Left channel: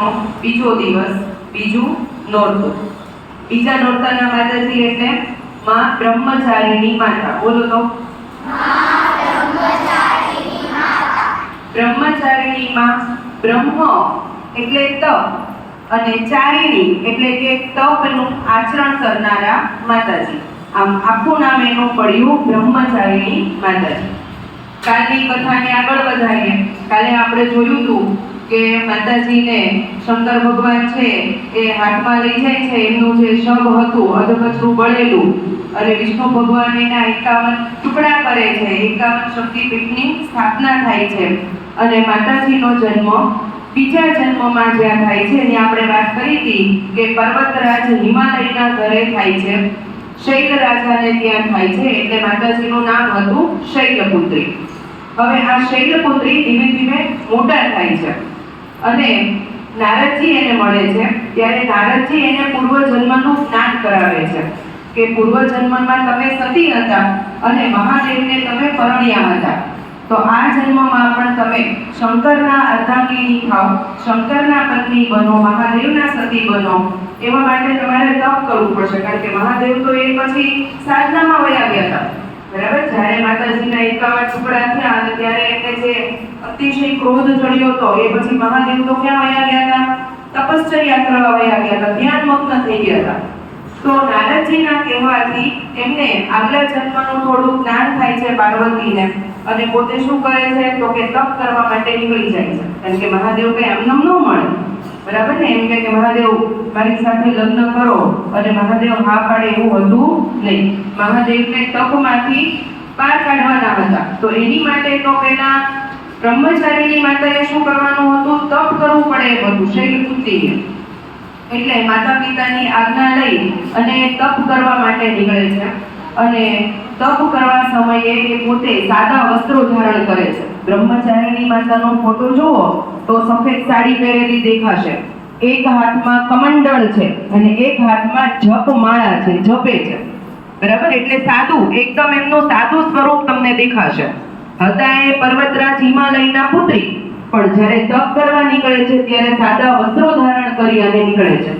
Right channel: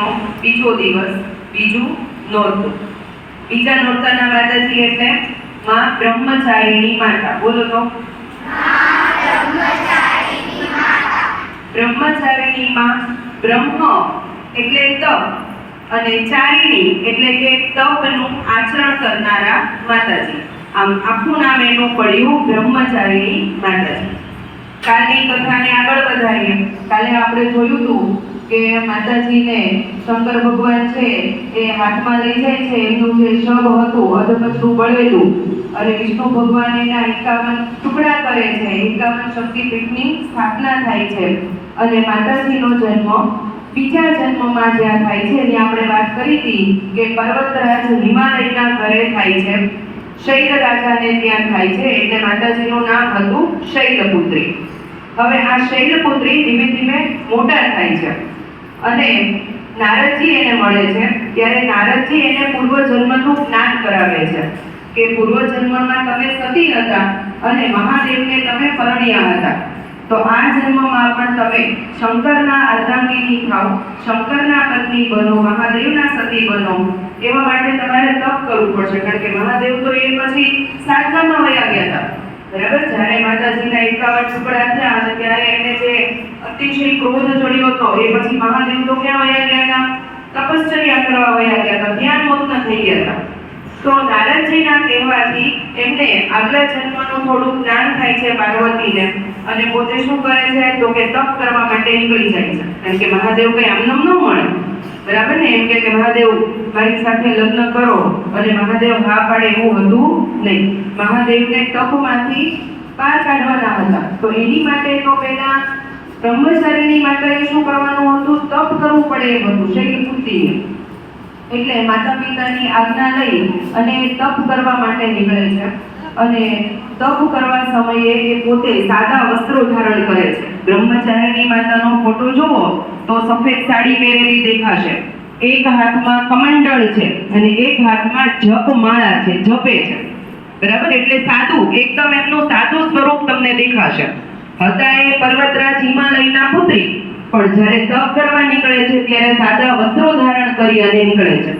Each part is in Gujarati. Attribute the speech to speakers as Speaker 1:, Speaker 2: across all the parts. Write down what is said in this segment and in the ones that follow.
Speaker 1: માસનો બીજો દિવસ, બીજું નોરતું. બીજા નોરતાના માતાજી એટલે માં બ્રહ્મચારીની માતા. બોલો તો. બ્રહ્મચારીની માં બ્રહ્મ એટલે તપ અને ચારિણી એટલે કે તપનું આચરણ કરનારા માતાજી. આમ આખું નામ એનું પડ્યું બ્રહ્મચારિણી માતાજી. કાલની કથાને આગળ વધારીએ. કાલે આપણે જોયું હતું કે માતાજીને શંકર ભગવાન છે એ હાથમાં લઈ જાય છે, એમનું જે શબ હતું અધકચરું બળેલું, અને વિષ્ણુ ભગવાન એના એકાવન ટુકડા કરે છે, એકાવન શક્તિપીઠની સ્થાપના થાય છે. અને માતાજીનો જન્મ બીજા જન્મમાં જ્યાં થાય છે ત્યાં આપણે વાત કરી હતી કે પર્વતરાજ હિમાલયના ઘરે થાય છે. શૈલ રાજાને ત્યાં થાય છે, એટલે માતાજીનું નામ હતું શૈલપુત્રી. હવે આ શૈલપુત્રી ધીમે ધીમે મોટા થાય છે. અને નારદજી એને મળે છે. ત્યારે નારદજી એને પૂર્વજન્મનું જ્ઞાન કરાવે છે કે પૂર્વજન્મમાં તમે સતી હતા અને મહાદેવને તમે પરણ્યા હતા. તો આ જન્મમાં પણ તમે શંકરના અર્ધાંગીની થાવ, શંકરના પત્ની બનો, મહાદેવના સતી બનો, એવા માટે તમારે તપ કરવું પડશે. કારણ કે મહાદેવ તો એ પછી સાધનામાં વયા ગયા હતા. બરાબર? જ્યારે માતાજીના એકાવન ટુકડા થયા ત્યારે એમને જે અતિશય ક્રોધ ચડ્યો હતો, એ પછી મહાદેવ તો ક્યાં વયા ગયા હતા? તપશ્ચર્યા કરવા વયા ગયા હતા, ધ્યાન મગ્ન થઈ ગયા હતા. તો નારદજીના કહેવાથી એમને આગલા જન્મનું થોડું જ્ઞાન થાય છે પાર્વતીને અને પોતે શું કરે છે? તો કે તપ કરવા માટે નીકળી જાય છે. કારણ કે મહાદેવ કઈ આમ ન મળે. બરાબર ને? એમ કે મહાદેવ, મારી સાથે લગ્ન કરો. અને મહાદેવ હા પાડે એવું હતું નહીં. મહાદેવને તપમાંથી પાર કાઢવાના હતા. તો એની માટે તો પહેલા બ્રહ્મચારીની માતાએ શું કરવાનું હતું? તપ કરવું પડે એમ હતું શૈલપુત્રીએ એટલે માતા પિતાની આજ્ઞા લઈ અને તપ કરવા માટે નીકળે છે. અને તપ કરવા સમયે એ પોતે સાદા વસ્ત્રો ધારણ કરે છે. બ્રહ્મચારિણી માતાનો ફોટો જુઓ તો સફેદ સાડી પહેરેલી દેખાશે. એક હાથમાં કમંડળ છે અને એક હાથમાં જપમાળા છે, જપે છે. બરાબર? એટલે સાદું, એકદમ એમનું સાદું સ્વરૂપ તમને દેખાશે. હતા એ પર્વતરાજ હિમાલયના પુત્રી, પણ જ્યારે તપ કરવા નીકળે છે ત્યારે સાદા વસ્ત્રો ધારણ કરી અને નીકળે છે.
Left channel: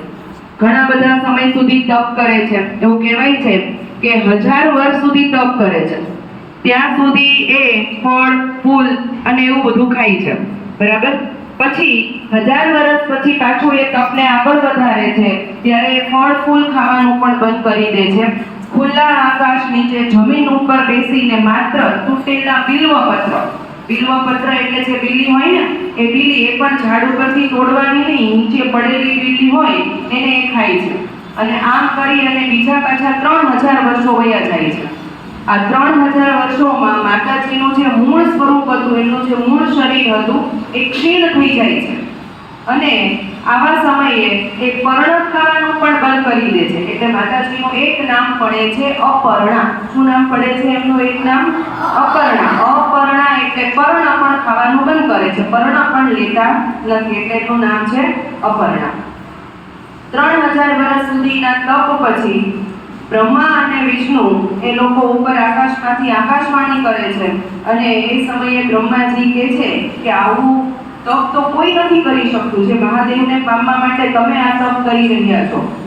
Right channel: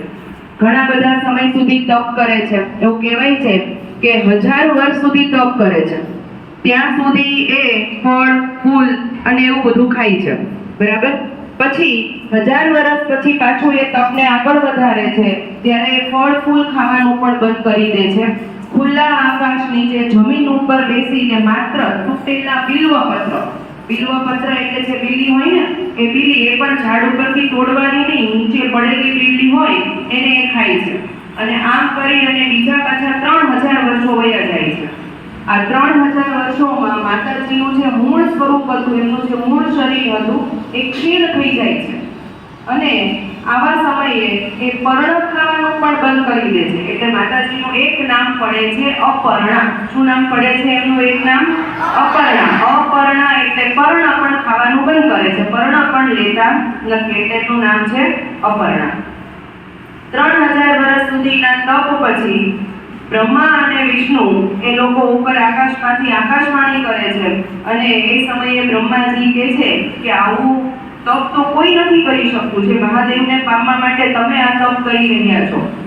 Speaker 1: ઘણા બધા સમય સુધી તપ કરે છે. એવું કહેવાય છે કે હજાર વર્ષ સુધી તપ કરે છે. ત્યાં સુધી એ ફળ, ફૂલ અને એવું બધું ખાય છે. બરાબર? પછી હજાર વર્ષ પછી પાછું એ તપને આગળ વધારે છે, ત્યારે એ ફળ, ફૂલ ખાવાનું પણ બંધ કરી દે છે. ખુલ્લા આકાશ નીચે જમીન ઉપર બેસીને માત્ર તૂટેલા બિલ્વપત્ર બિલ્વપત્ર એટલે જે બીલી હોય ને, એ બીલી એ પણ ઝાડ ઉપરથી તોડવાની નહીં, નીચે પડેલી બીલી હોય, એને એ ખાય છે. અને આમ કરી અને બીજા પાછા ત્રણ હજાર વર્ષો વયા જાય છે. આ ત્રણ હજાર વર્ષોમાં માતાજીનું જે મૂળ સ્વરૂપ હતું એમનું જે મૂળ શરીર હતું, એ ક્ષીણ થઈ જાય છે. અને આવા સમયે એ પર્ણ ખાવાનું પણ બંધ કરી દે છે. એટલે માતાજીનું એક નામ પડે છે અપર્ણા. શું નામ પડે છે એમનું એક નામ? અપર્ણા. અપર્ણા એટલે પર્ણ પણ ખાવાનું બંધ કરે છે. પર્ણ પણ લેતા નથી. એટલે એનું નામ છે અપર્ણા. ત્રણ હજાર વર્ષ સુધીના તપ પછી બ્રહ્મા અને વિષ્ણુ એ લોકો ઉપર આકાશમાંથી આકાશવાણી કરે છે. અને એ સમયે બ્રહ્માજી કહે છે કે આવું તપ તો કોઈ નથી કરી શકતું. જે મહાદેવને પામવા માટે તમે આ તપ કરી રહ્યા છો.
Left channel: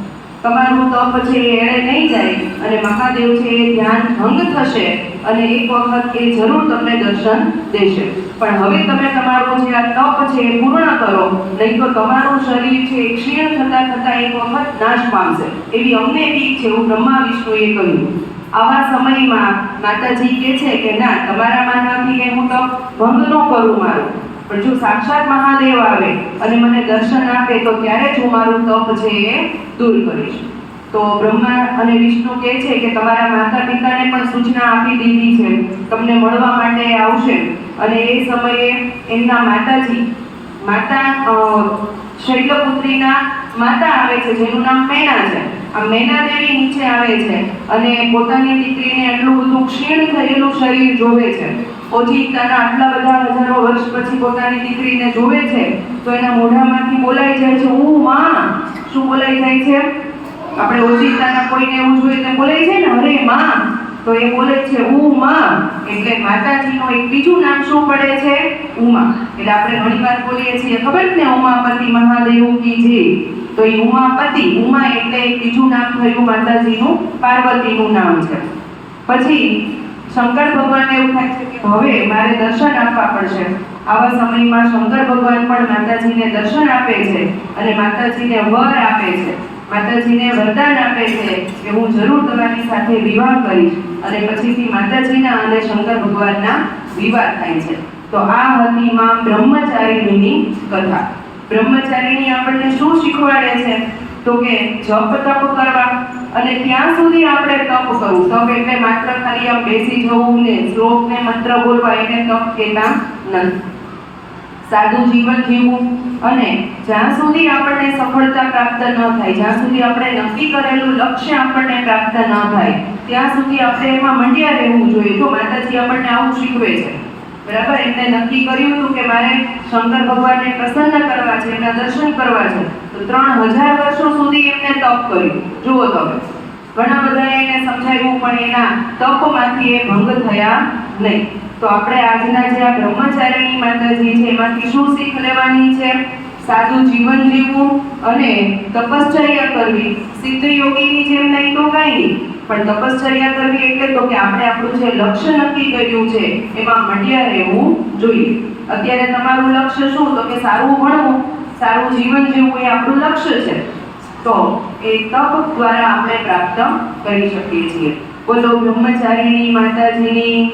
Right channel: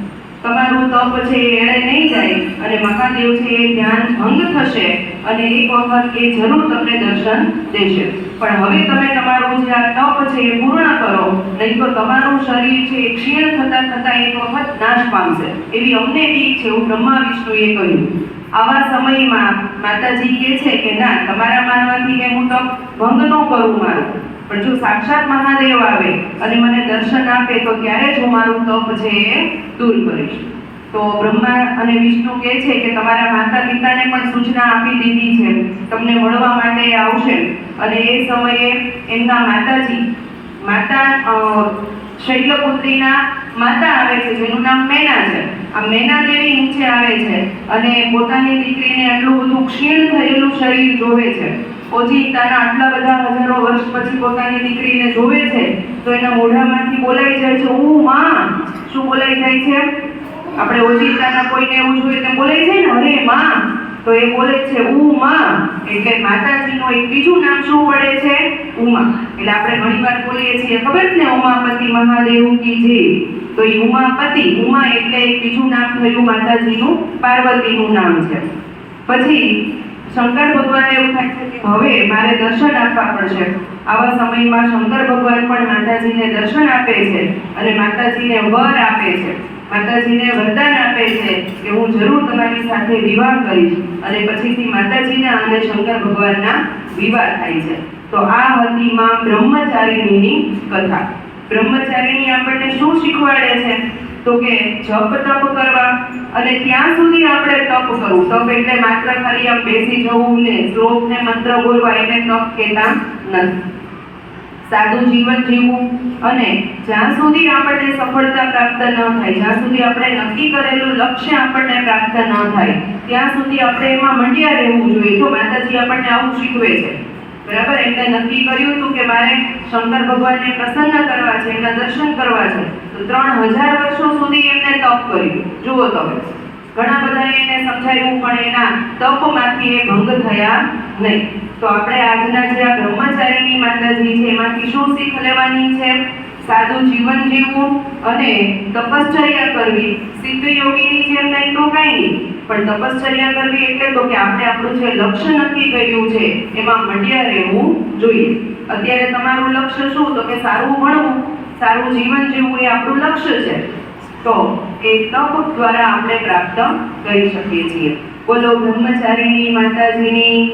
Speaker 1: તમારું તપ છે એ એળે નહીં જાય અને મહાદેવ છે એ ધ્યાન ભંગ થશે અને એક વખત એ જરૂર તમને દર્શન દેશે. પણ હવે તમે તમારું જે આ તપ છે એ પૂર્ણ કરો, નહીં તો તમારું શરીર છે એ ક્ષીણ થતાં થતાં એક વખત નાશ પામશે. એવી અમને બીક છે એવું બ્રહ્મા વિષ્ણુએ કહ્યું. આવા સમયમાં માતાજી કહે છે કે ના, તમારા માનવાથી કે હું તપ ભંગ ન કરું મારું. પણ જો સાક્ષાત મહાદેવ આવે અને મને દર્શન આપે તો ત્યારે જ હું મારું તપ છે એ દૂર કરીશ. તો બ્રહ્મા અને વિષ્ણુ કહે છે કે તમારા માતા પિતાને પણ સૂચના આપી દીધી છે. તમને મળવા માટે આવશે. અને એ સમયે એમના માતાજી, માતા શૈલપુત્રીના માતા આવે છે, જેનું નામ મેના છે. આ મેના દેવી નીચે આવે છે અને પોતાની દીકરીને એટલું બધું ક્ષીણ થયેલું શરીર જોવે છે. ઓજી તારા આટલા બધા હજારો વર્ષ પછી પોતાની દીકરીને જોવે છે, તો એના મોઢામાંથી બોલાઈ જાય છે, હું માં? શું બોલાઈ જાય છે? આપણે ઓજી કોઈને એવું જોઈએ તો બોલાઈ જાય ને, અરે માં? તો એ બોલે છે ઉમા એટલે માતાજીનું એક બીજું નામ શું પડે છે? ઉમા. એટલે આપણે ઘણીવાર બોલીએ છીએ, ખબર જ ને ઉમાપતિ મહાદેવ કી જય તો એ ઉમાપતિ, ઉમા એટલે એક બીજું નામ થયું માતાજીનું, પાર્વતીનું નામ છે. પછી શંકર ભગવાન એવું થાય છે કે હવે મારે દર્શન આપવા પડશે. આવા સમયમાં શંકર ભગવાન પણ માતાજીને દર્શન આપે છે અને માતાજીને વર આપે છે. માતાજીને વરદાન આપે છે કે હું જરૂર તમારી સાથે વિવાહ કરીશ અને પછીથી માતાજીના અને શંકર ભગવાનના વિવાહ થાય છે. તો આ હતી માં બ્રહ્મચારિણીની કથા. બ્રહ્મચારિણી આપણને શું શીખવાડે છે? તો કે જપ તપ કરવા. અને ત્યાં સુધી આપણે તપ કરવું. તપ એટલે માત્ર ખાલી આમ બેસી જવું ને શ્લોક ને મંત્ર બોલવા એને તપ કહેતા નથી. સાદું જીવન જીવવું અને જ્યાં સુધી આપણને સફળતા પ્રાપ્ત ન થાય, જ્યાં સુધી આપણે નક્કી કરેલું લક્ષ્ય આપણને પ્રાપ્ત ન થાય, ત્યાં સુધી આપણે એમાં મંડ્યા રહેવું જોઈએ. જો માતાજી આપણને આવું શીખવે છે, બરાબર? એમને નક્કી કર્યું હતું કે મારે શંકર ભગવાનને પ્રસન્ન કરવા છે એના દર્શન કરવા છે. તો ત્રણ હજાર વર્ષો સુધી એમને તપ કર્યું. જુઓ તમે. ઘણા બધા એને સમજાવ્યું, પણ એના તપમાંથી એ ભંગ થયા નહીં. તો આપણે આજના જે આ બ્રહ્મચારીની માતાજી છે, એમાંથી શું શીખ લેવાની છે? સાદું જીવન જીવવું અને તપશ્ચર્યા કરવી. સિદ્ધ યોગીની જેમ નહીં તો કાંઈ નહીં. પણ તપશ્ચર્યા કરવી એટલે તો કે આપણે આપણું જે લક્ષ્ય નક્કી કર્યું છે, એમાં મંડ્યા રહેવું જોઈએ. અત્યારે તમારું લક્ષ્ય શું? તો કે સારું ભણવું. સારું જીવન જીવવું એ આપણું લક્ષ્ય છે. તો એ તપ દ્વારા આપણે પ્રાપ્ત કરી શકીએ છીએ. બોલો બ્રહ્મચારીની માતાજીની.